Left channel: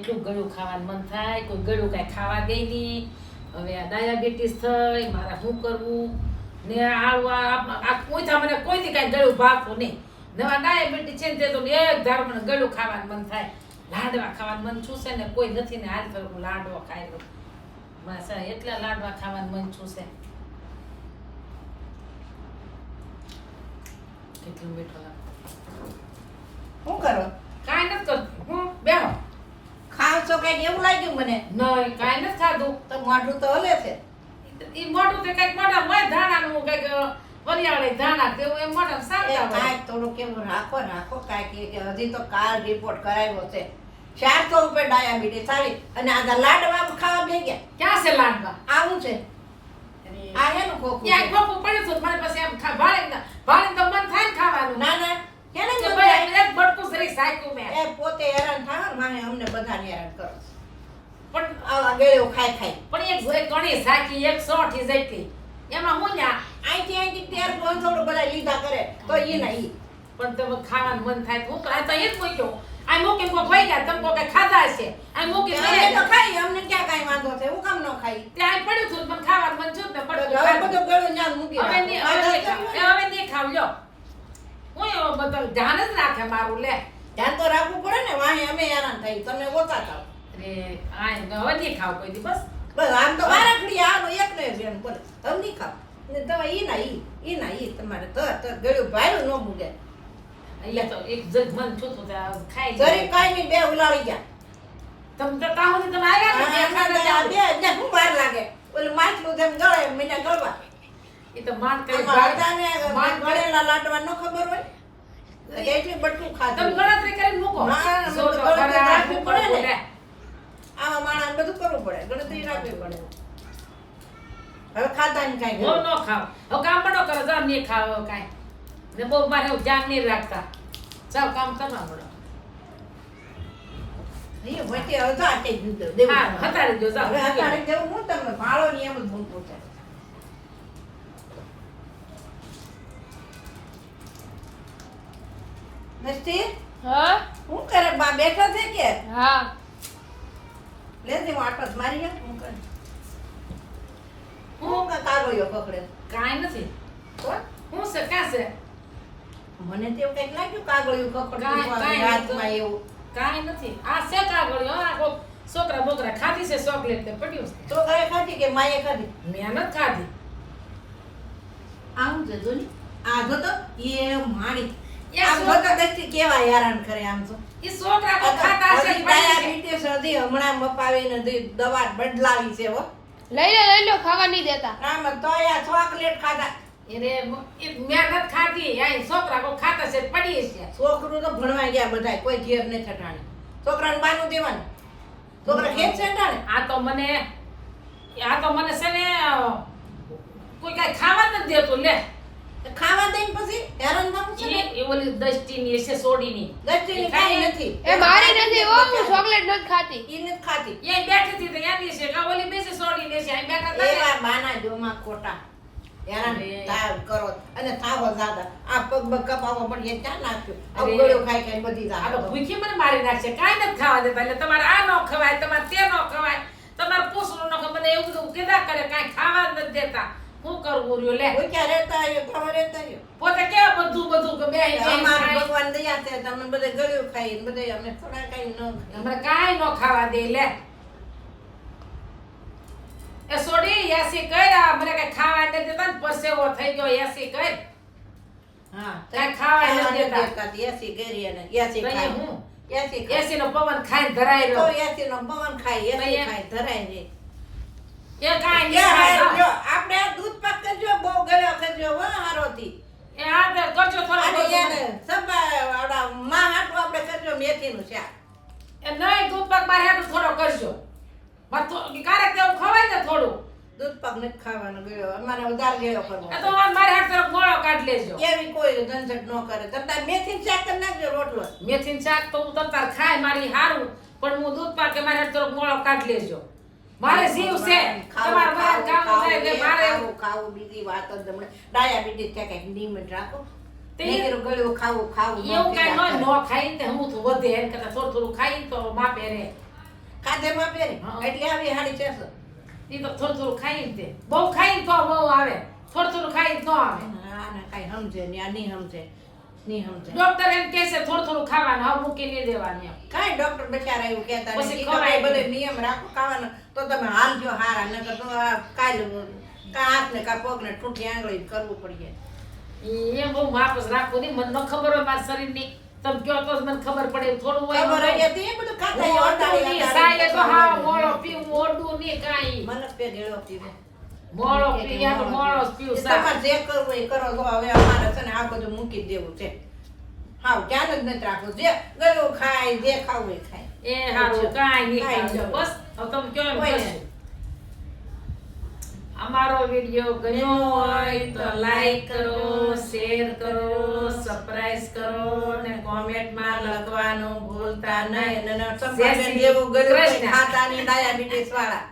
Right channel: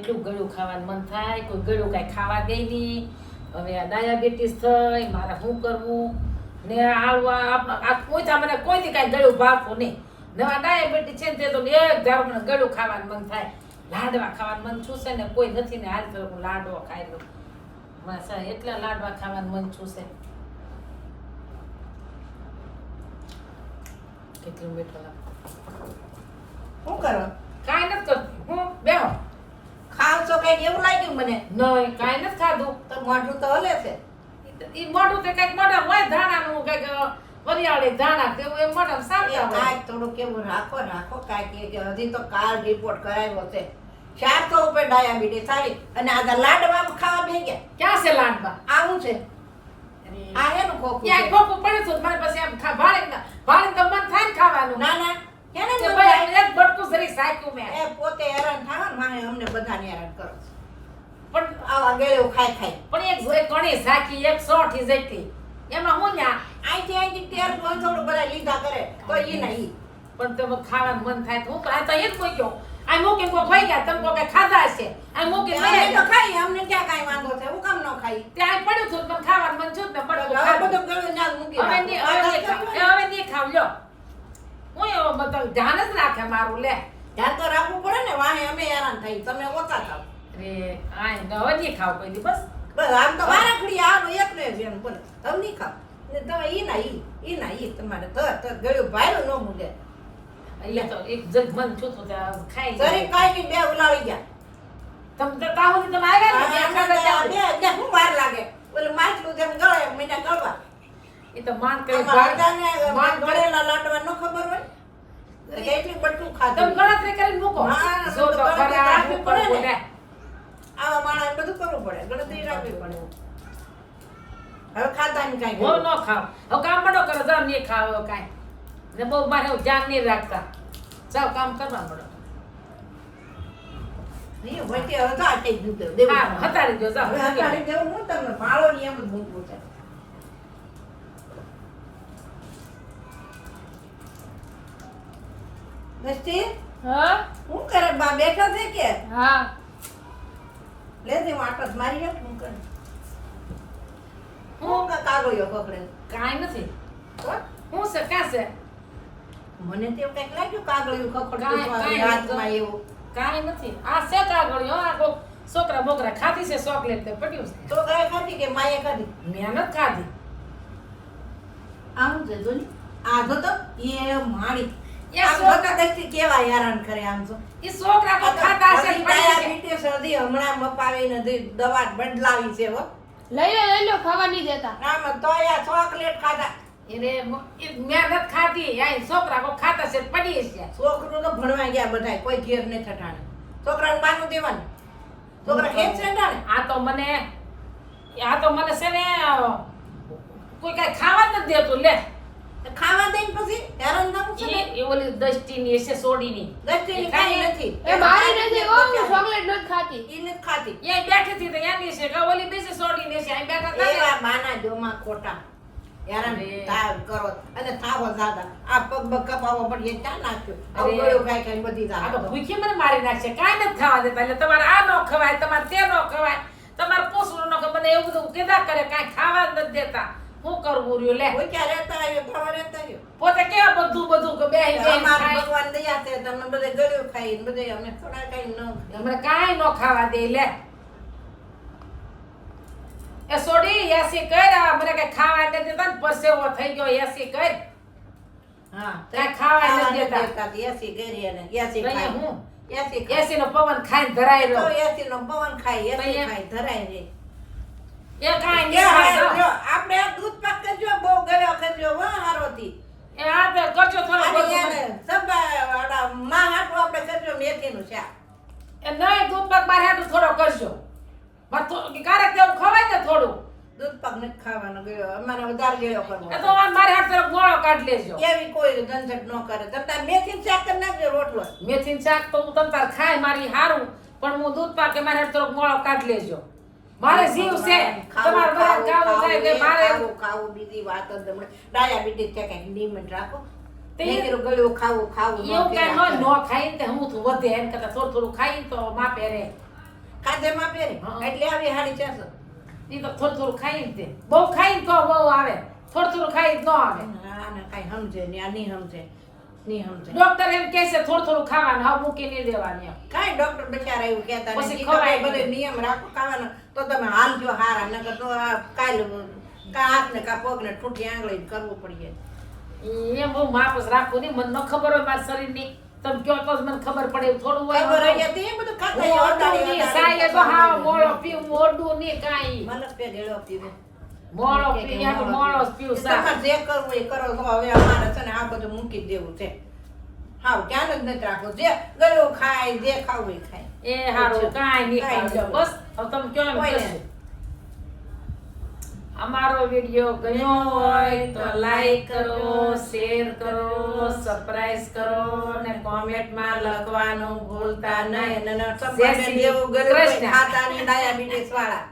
એટલું ગળું ખાવાનું મન થાય કોઈ ગળું કાંઈ ખાવા ગઈ નહીં. હવે આ ડાયાબિટીસ થઈ મારે શું કરવું? ને આવા આ કોઈ મને કોઈથી કાંઈ ગળું ભાગવું નહીં. નવા ડાયાબિટીસ છે ને તે તો એક ધારો મને ગળું ખાવાનું મન થાય. લાડવા ખાવાનું મન છું ને કોઈ નથી ને હાલ તો હું લાડવો ખાઈ લઉં. માસા એટલા લાડવા ખાવાનું મન છું કેટલું મીઠું લાગે. શું કરો? કાંઈ નથી કરતી. હું બેહો. છો કંઈક એવું લાગ્યું મને. નહીં કાંઈ નથી ખાધું તો મોઢું તો હલે છે. ઈ મોઢું તે કંઈક મોઢા હોય ધાણાનું કંઈક વરિયાળી ધાણા તેવું એમ મોઢા એ સારતા હોય. થોડું કેવું રાખો રાખો કાંઈક કે હજી તો કાલ રિપોર્ટ કરાવ્યો છે. ચારસો ઉપર ડાયાબિટીસ આવી અને આ લાડવા ખાવા બે ગયા ક્યાં છે લાડવા? આવું છે. આ હેનું ખોખું ખોખું પડે છે આમ ખા ભાળે ને ભાળે તો મન થાય ને ખાવાનું. ના ના કેને મન થાય? એક બટકું જરી સાયકું મેં. ને માને અમને બધાને હેરાન કરો પણ આવા ગળ્યો ખાઈ ખાઈ પણ એક એક ઘણી સાચી એક સોઠી જેટલી. એમાં હું ન્યા? અહીંથી અહીંથી ત્યાર થોડું થોડું બધા લીધા કરે. તો એ નહીં પણ તમે ખાવાનું મન થાય તો આ તો એક મૂક્યો આ મૂકીને કોઈ ભાઈ ગયા તમે કોઈ ખાધા હશે? આ મૂકીને અમે તો ખાઈ અમને ક્યાં કાઈ વાંધો છે હું કામ ન ખાઈ? ત્યાં પડ્યું હતું પણ ખાવાનું મન છું ને પડ્યું હવે બધો ગળ્યું ના મૂકી હવે નહીં હવે ની ખાવ. એ હવે ની ખાવ લ્યો. હું એવો બધો ધ્યાન જ રાખે મારું લે. ધ્યાન તો રાખવું પડે ને વાણી અમે હેરાન થઈ. તમે ઓછા થાવ. અરે આ હવે ની ખાવ કોઈ દી બસ. બસ આમ તો વારાખડી આનો એક ને એમ બોલે. હવે નહીં ખાવ. ને તો ઈ ના ઈ ઈ ના ઈ તમારે તો તો ગળ્યું ભાયરું ન મૂકે. એટલે તો એક જગ મન છો તો ખાઈ જરી કાઈ નહીં બે ઉલાળી ગયા. તમ તો ત્યાં સુધી તમે આવ્યા ને બે ને હું વાર લાગે. ઓલું માછલું જેમ ગળે મને ગળવા. એ તો માન કરી માન ગળેલા લાટવા ન ખબર હોય. એટલી બટકું તમે ગણતરી કરીને મૂકો. ના, તો રાખવી પડે ને. આવા માણસ બધું કરવું પડે. ગણતરી રાખવી પડે. હવે ખાતા ની કાંઈ હું ન ખાવ હવે કામ પડો કરો જાવ નહીં ખાવ હવે કાંઈ. ને બહુ મારે ધ્યાન નહીં રાખતા. જાવ કામ કરવા મળો અહીંયા વચ્ચે તો આટે જ દેવું હા તમારે. હતાડી દો જાવ હવે હટાડી દેવું હું તમને? ભાળો નિયમ જ મૂકવું છે. નસ્તી હા? હું કરે? બા બેઠા છે કે? હા. લે દે હું જ મારી નાખ, હું કરે? હું કા કાગળિયો પકડે? કાંઈ નથી. તો? હું છે કાં છે? મને તો એવું લાગ્યું કાગળિયું કાંઈ- હાથમાં એવું. કાંઈ નથી. આ છે કાગળિયો આ કોક છોકરા બોકરા ખાધી છે ચોકલેટ તે પડ્યું છે? તો ગાય ખાધી કે માએ ખાધી? મહેનત ખાધી. આમ જજો ને. આ જો તો એ મારી. એ આમ છોકરા- જોતા દસથી કેવા હેરાન કરે આમ તો ઈ છોકરા તો ખાતા હશે ને છે. ડાયાબિટીસ હજી હમણાં મપાવીને હજી દવા બદલાવી છે હો. લઈ લો લઈ લો ખાવા નહીં દેતા. આમાં તો આ ચોકલેટ ખાધા એને મહેનત ખાધી આ છોકરા કોક ખાતા છે પડી છે છોકરું તો ભણવા ગયા બધા કોઈ ઘેર નહીં છોકરા છોકરાને બાનું દેવાનું. છોકરા ખેત છે આ તો મને આ તો મને છે ને કોઈ કઈ ખાવા જ નથી દેતું લે. ખાવા પછી હેરાન છે કાંઈ નથી. એ મારી નથી હો હું ચોકલેટ નથી ખાતી. ઈ નથી ખાતી. એ બેઠી હતી તો એની છે કે ઓલી બીજી સોડીની છે અહીં બેઠા હતા માના જોમાં ખોટા. હેરાન તાવ કરો. અને થાવો આ પગ કપાવો પણ એ ચા નાખ્યું આ ગળ્યો ખાઈ ખાઈ બધી આ તો ભૂખી મને મારી નાખશે. કાંઈ નથી ખાવા દેતા. એટલે તમારે આ ન ખવાય તમારે તે ન ખવાય. તમારે પૂછવું નો ખવાય. મને એવું બધું કીધા કરે કઈ ખાવા નથી દેતા. શું કરવું રહ્યું લે. રહેતા આવ્યો ખાવા રહેતા આવ્યો પોતે કેવા બધું બધું કે બે અમાર ભગવાન દયા તે તમને બધે ગળ્યું ખાઈ ને બધે અમે થોડા કઈ ન ખાઈએ. કાઈ ન ખાવા દે લે. એ સોડી એસી કર મને કઈ ખાવા નથી દેતા ને પરસેવો થઈ ગયો એસી કર. હા તે ખાવા ખાવા દેતા. એસી ગરી અને એસી તો ખાય. હું? એસી. એસી નો પવન ખાઈ ધરાય તો રહ્યો. એસી નો પવન ખાય એસી ખાઈ ધરાય રે એ કાંઈ નહીં હાય, ખાતા. લ્યો, આપણે દૂધ પાક કરજો બહુ ગળ્યો કરજો હો હારોથી. એ આ તો કરજો થોડું અને બધું. એને સબા વાળા માં હાટું આપણે કરજો મેથીનું શાક. એ નહીં દૂધ પાક મારે હાટું થોડો કરજો. મારે ક્યારેક તેવું ખવાય ને થોડું. દૂધ પાક નથી ખાવાનો ગયો અમારે વધારે ગળ્યો કરવો તો મારે હાથ તરફ ગોળો કાઢી લેજો. એવી કોઈ ઝંઝટ ન કરે. તમે મેથીનું શાક કરી નાખજો રોટલો. મેથીનું શાક તો હું તમ તાર ખાય મારી હારું. પણ હું દૂધ કે મારે હાથ તરફ ગોળો કાઢી લેજો. મારે જીવ છે. તમારે બધા ખાવું, જાય કે મારે ખાવું, બીજી વાત જ તમને. ડાયાબિટીસ છે કે લિમિટ રાખો. તે- મેં કીધું ગળ્યું ખાવું ખાવું એવું કઈ કર્યા ન કરે. ન હું તો વધે એમ કરતા થોડું થોડું ખાઈને તો માપે રે. ખાધે પહેરી હા. એટલે આવી હાડી છે ઈ તો થોડું થોડું ખાઈ ને તે. બહુ ખાઈ ને તો બહુ આવે. થોડું થોડું ખાઈ ન આવે. ના કઈ સમજે નહીં આ નહીં સમજે. નહીં સમજે ડોક્ટર એમ કહે છે થોડું થોડું ખાવાનું હા મૂકી નહીં દેવાની એમ. કાંઈ ડોક્ટર બચારા એવું કહેતા પછી ખવાય બધે નિયમ રાખો ખાવાનો તો તમે હાલજો હારા નકર તો આ કાલ કા હાથને કા પગને ઠૂઠી આંગળી કરવું પડીએ એમ બહુ માપસ રાખવું નહીં મને ન ખબર હોય મારા શરીરની. તમે કયો તો મને ખબર પડે થોડું હોય ખબર મને. હોય તો એ બધું ખાતા સાયે તો હા મોળો પીવું, મોડું નહીં કાંઈ. મને પે ગેળો પીવે. મોળો પી, તો મોળો જ પીવું જે કરવું એ કરો તો હવે અમારે છે ને આ બધું મૂકી દેવું છે. હાવ ધ્યાન જ નથી રાખવું. જે ગળ્યું ખાય જે ખાવું એ ખાય. એ હારું, કાંઈ નહીં ખાવું. બસ, હવે તમે કહો એમ અમારો વીડિયો ગમ્યો હોય તો લાઈક કરો શેર કરો સબસ્ક્રાઇબ કરો ને કોમેન્ટમાં લખવાનું ભૂલતા નહીં. અને જય દેવું નહીં ડાયાબિટીસ વાળા